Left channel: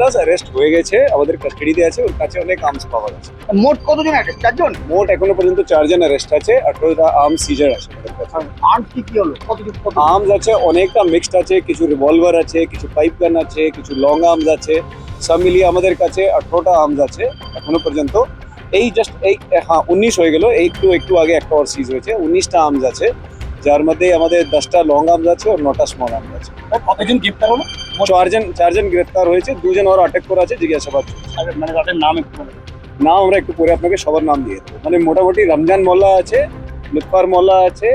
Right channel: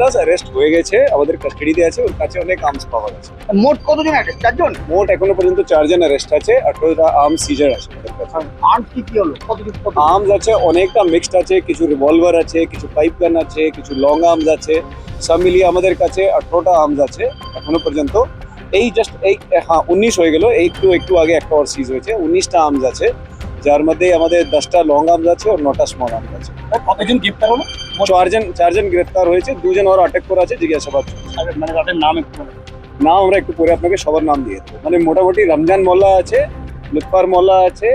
Das arrest হয়ে গেছে, আমাদের কাস্টাডিতে আছে, ওর কাছে অনেক আর্মস পাওয়া গেছে। মোট কতজন অ্যারেস্ট? 4 জন? মোট এখনো পর্যন্ত 4 জন অ্যারেস্ট আছে, 18টা আর্মস সিজার আছে আমাদের কাছে। আর্মস কি হলো? কত? আর্মস আছে অনেকটা মিক্সড আছে, কিছু রিভলভার আছে, কিছু পাইপ গান আছে, কিছু লং আর্মস আছে, সব মিলিয়ে আমাদের কাছে 18টা আর্মস আছে এখনো পর্যন্ত। এই জাস্ট এই 19 হয়ে গেল, একটু আগে একটা ওর সিজ হয়েছে। 19টা আর্মস আছে, যার মধ্যে আমাদের 10টা লং আর্মস আছে আর 9টা স্মল আর্মস আছে। কতজন গ্রেপ্তার হলো? 4 জন গ্রেফতার হয়েছে, 2 জন ওর আটক করা আছে, জিজ্ঞাসাবাদ চলছে। মানে তাদের নাম একটু বলুন। নাম আমরা একটু পরে আপনাকে সবার নাম দিয়ে দেবো। মানে মোটামুটি রমজান মোল্লা আছে, লুৎফার মোল্লা আছে,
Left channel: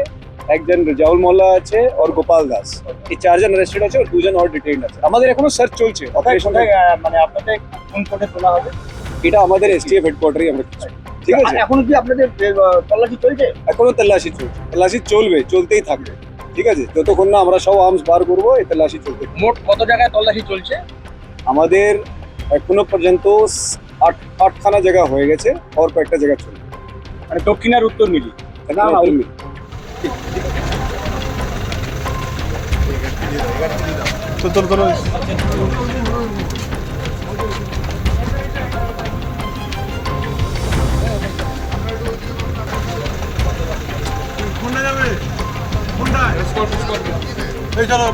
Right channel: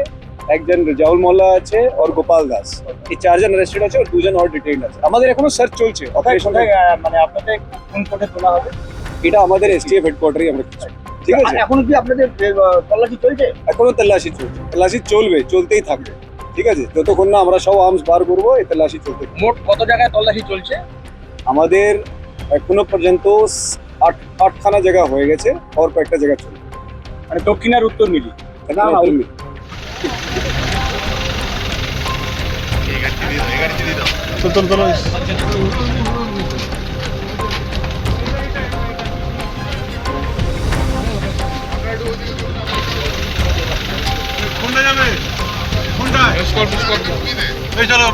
একজন রেজাউল মোল্লা আছে আর গোপাল দাস। এই 4 জন অ্যারেস্টেড আছে আর 2 জন আর ডিটেইনড আছে। আমাদের এখনো সার্চ চলছে, অপারেশন। মানে আপনাদের কোন কোর্টে তোলা হবে? এটা আমাদের এসটিএফ হেডকোয়ার্টারে আমরা কিছু, ঠিক আছে। এখনো কি আপনাদের তল্লাশি চলছে? এখনো তল্লাশি চলছে, তল্লাশি চলবে, চলতেই থাকবে, ঠিক আছে। যতক্ষণ না আমরা সব আর্মস বার করবো, এই তল্লাশি চলতে থাকবে। মোট কত জায়গায় তল্লাশি চলছে? আমাদের এখনো পর্যন্ত 8খানা জায়গা হয়ে গেছে, আর কয়েকটা জায়গা চলবে। মানে দক্ষিণ আর উত্তর মিলি? কোনটা যাবে? কোনটা? এই চলো।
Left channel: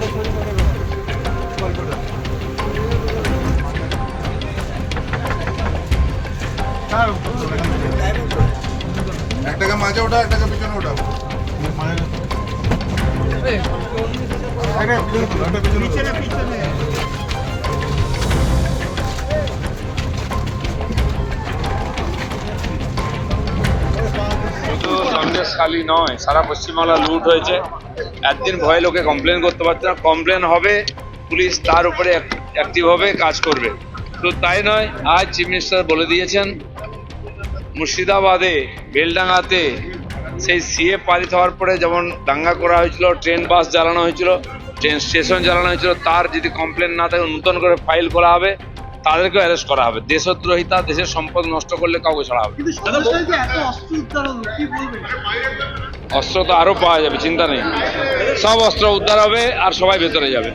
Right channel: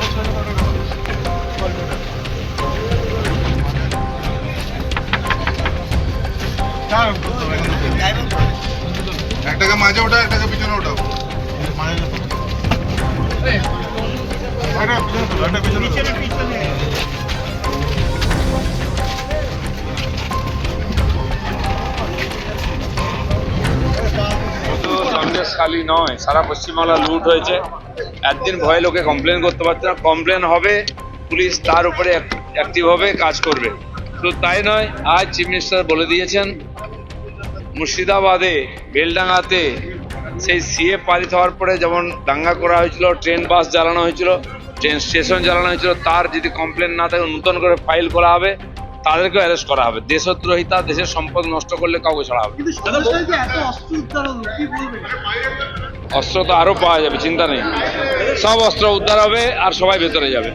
একটাকে মাঝে ওঠা, একটাকে পিছনে ওঠাও। পিছনে শুধু সন্দেশখালী নয়, সারা পশ্চিমবাংলা লুট হয়েছে। একদিন ভয়ে লোকে কমপ্লেন করতে পারছে না, কমপ্লেন হবে, পুলিশ তার উপরে অ্যাক্টিভ হবে, কাজ করবে। শুধু তাই নয়, আজ চিফ মিনিস্টার বলে দিয়েছেন মুর্শিদাবাদে বেলডাঙ্গাতে সেই সিএ পারিত হওয়ার পরে যেমন দাঙ্গা করা হয়েছিল, ট্রেন বাস জ্বালানো হয়েছিল, ট্রেন স্টেশন জ্বালানো হয়েছিল, তার যদি কমপ্লেন না থাকে নতুন করে ফাইল করা হবে, তাদেরকে অ্যারেস্ট করা হবে। দেশদ্রোহিতা, দেশের সম্পদ নষ্ট করলে কাউকে ছাড়া হবে। অস্ত্র তো আরো পাওয়া যাবে, চিন্তা নেই, সব অস্ত্র উদ্ধার হবে আর সবাই ভেতরে যাবে।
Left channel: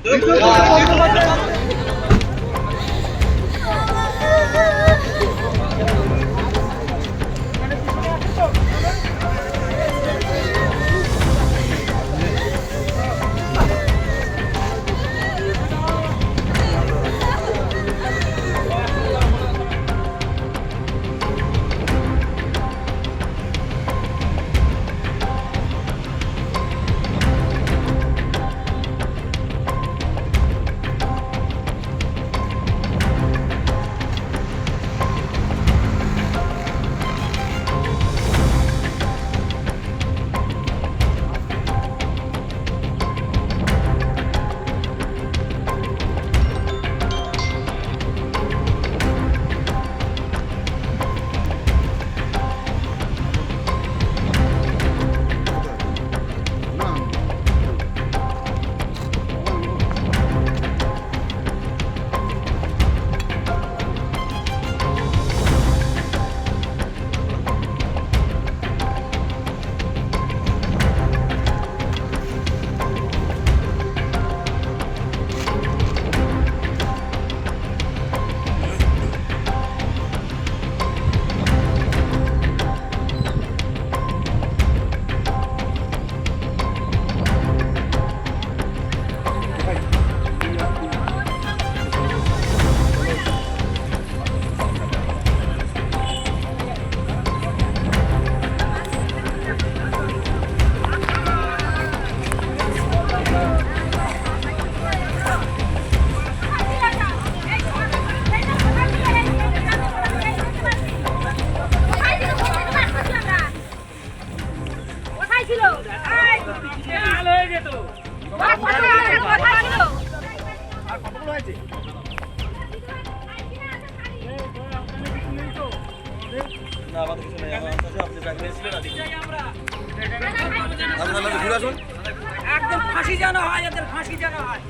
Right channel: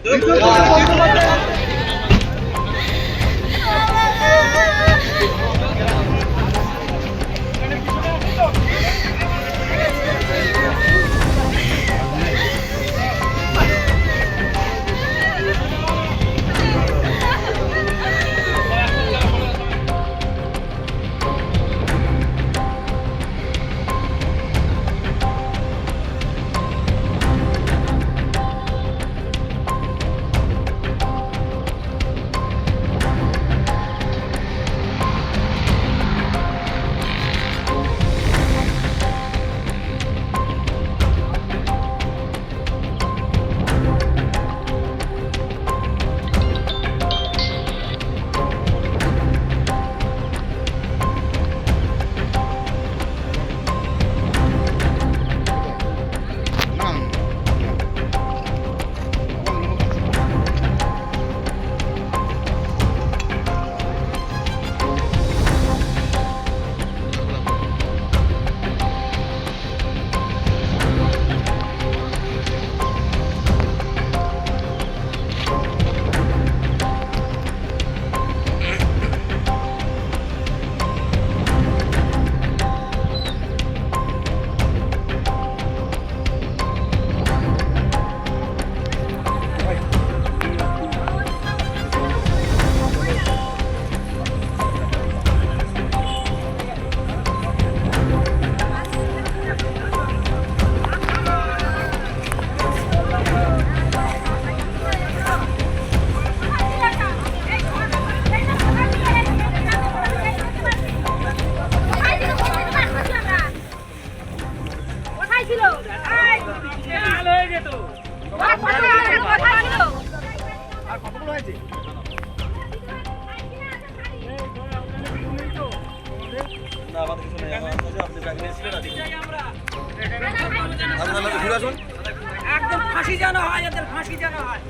একদম ফাঁসি জানা হয়, এদের ফাঁসি জানা হয়,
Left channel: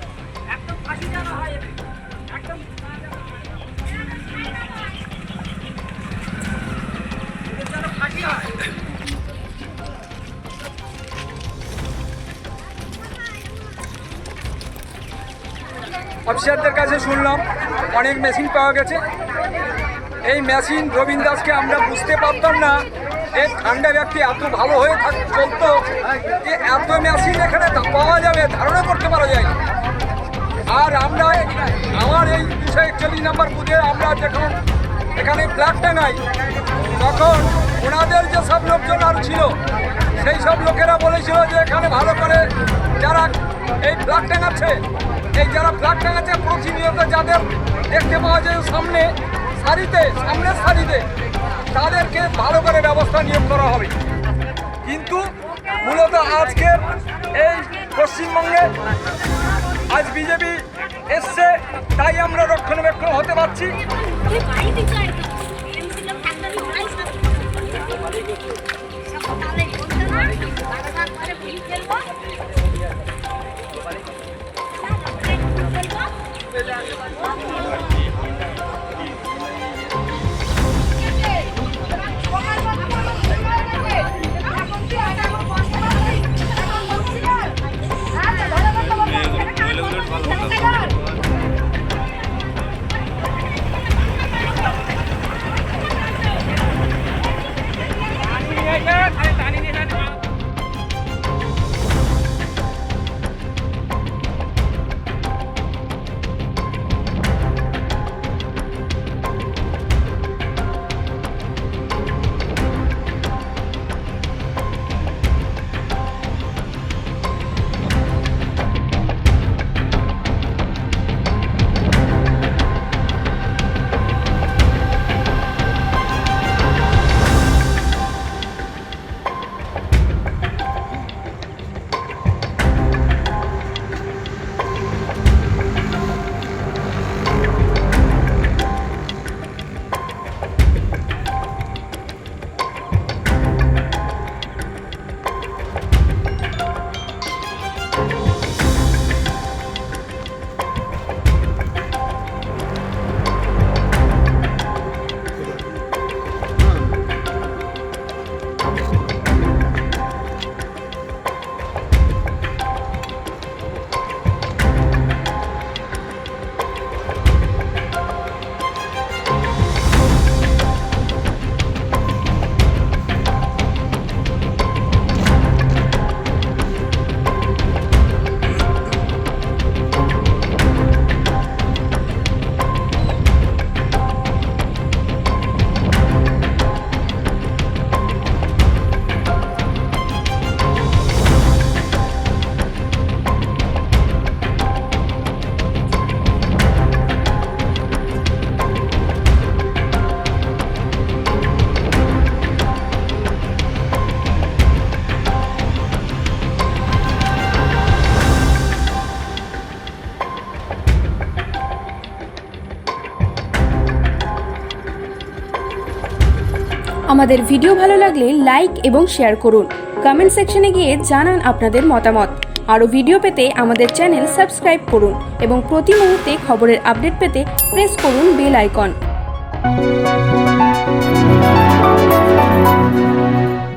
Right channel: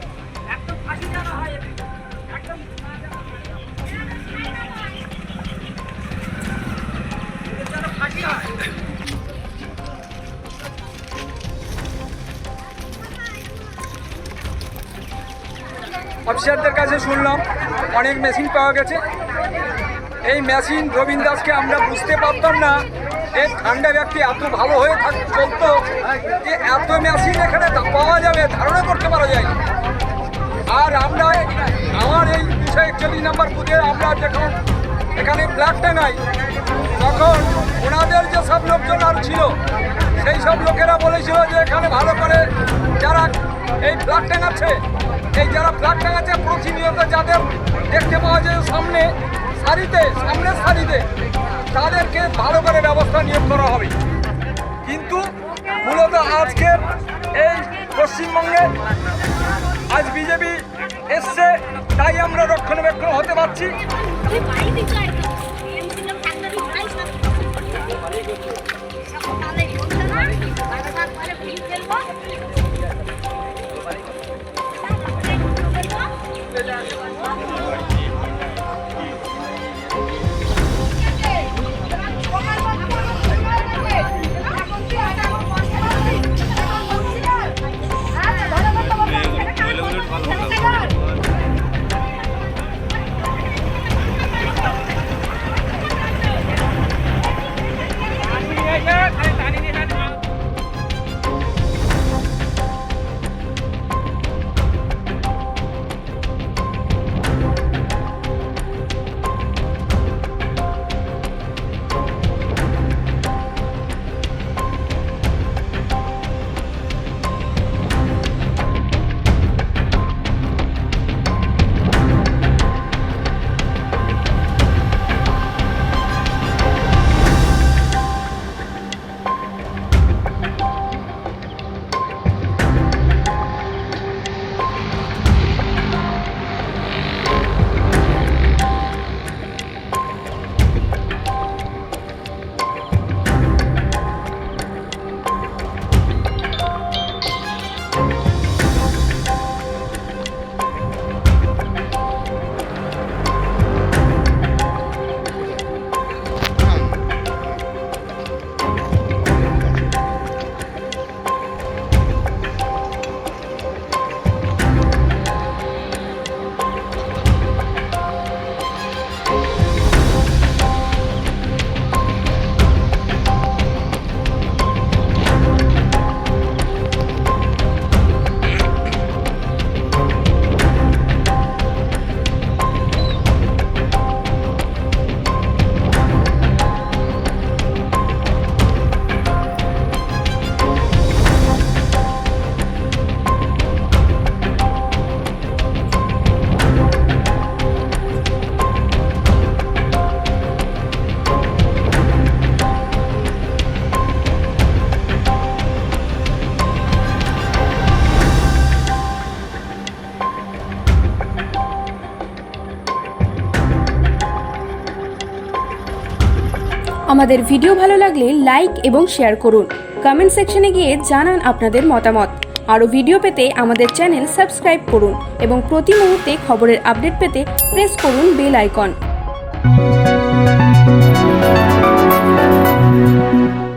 একদম ফাঁসি জানা হয়, একদম ফাঁসি হয়। অফিসারদের কাছে শুনলাম অনেক মেশিন পাওয়া গেছে। এই মেশিন রবীন দাসকে আমরা বুঝতে পারতাম না এই ঠান্ডা ব্যক্তি এত ভালো হয়ে চলতো যে এত মেশিন এখানে পাওয়া যাবে ধারণা করতে পারা যায় না। আর আমরা আমার এই 241 নম্বর বুথে আমরা যখন এখানে ফ্ল্যাগ টাঙাই তখন ওনাদের যে সব লোকজন আর ছিল সেই সব লোকেরা বলেছিল যে এখানে ভালো করে যারা এই ফ্ল্যাগ টাঙাচ্ছে প্রতিনিয়ত যাদের দেখতে পাওয়া যায় সামনের সারিতে তাদেরকে ভালো করে ব্যবস্থা নিয়োগ করা হবে। কিন্তু মূলত আজকের এই পশ্চিমবঙ্গে আজ বিজেপি এসছে তাই আমরা রক্ষণাবেক্ষণ হতে পারছি। আমাদের ভিডিও ভালো লাগলে লাইক এবং শেয়ার করুন। কমেন্ট সেকশনে গিয়ে জানান আপনাদের মতামত। আরও ভিডিও পেতে আমাদের চ্যানেল সাবস্ক্রাইব করুন এবং প্রতি মুহূর্তে খবরের আপডেট পেতে প্রেস করুন বেল আইকন।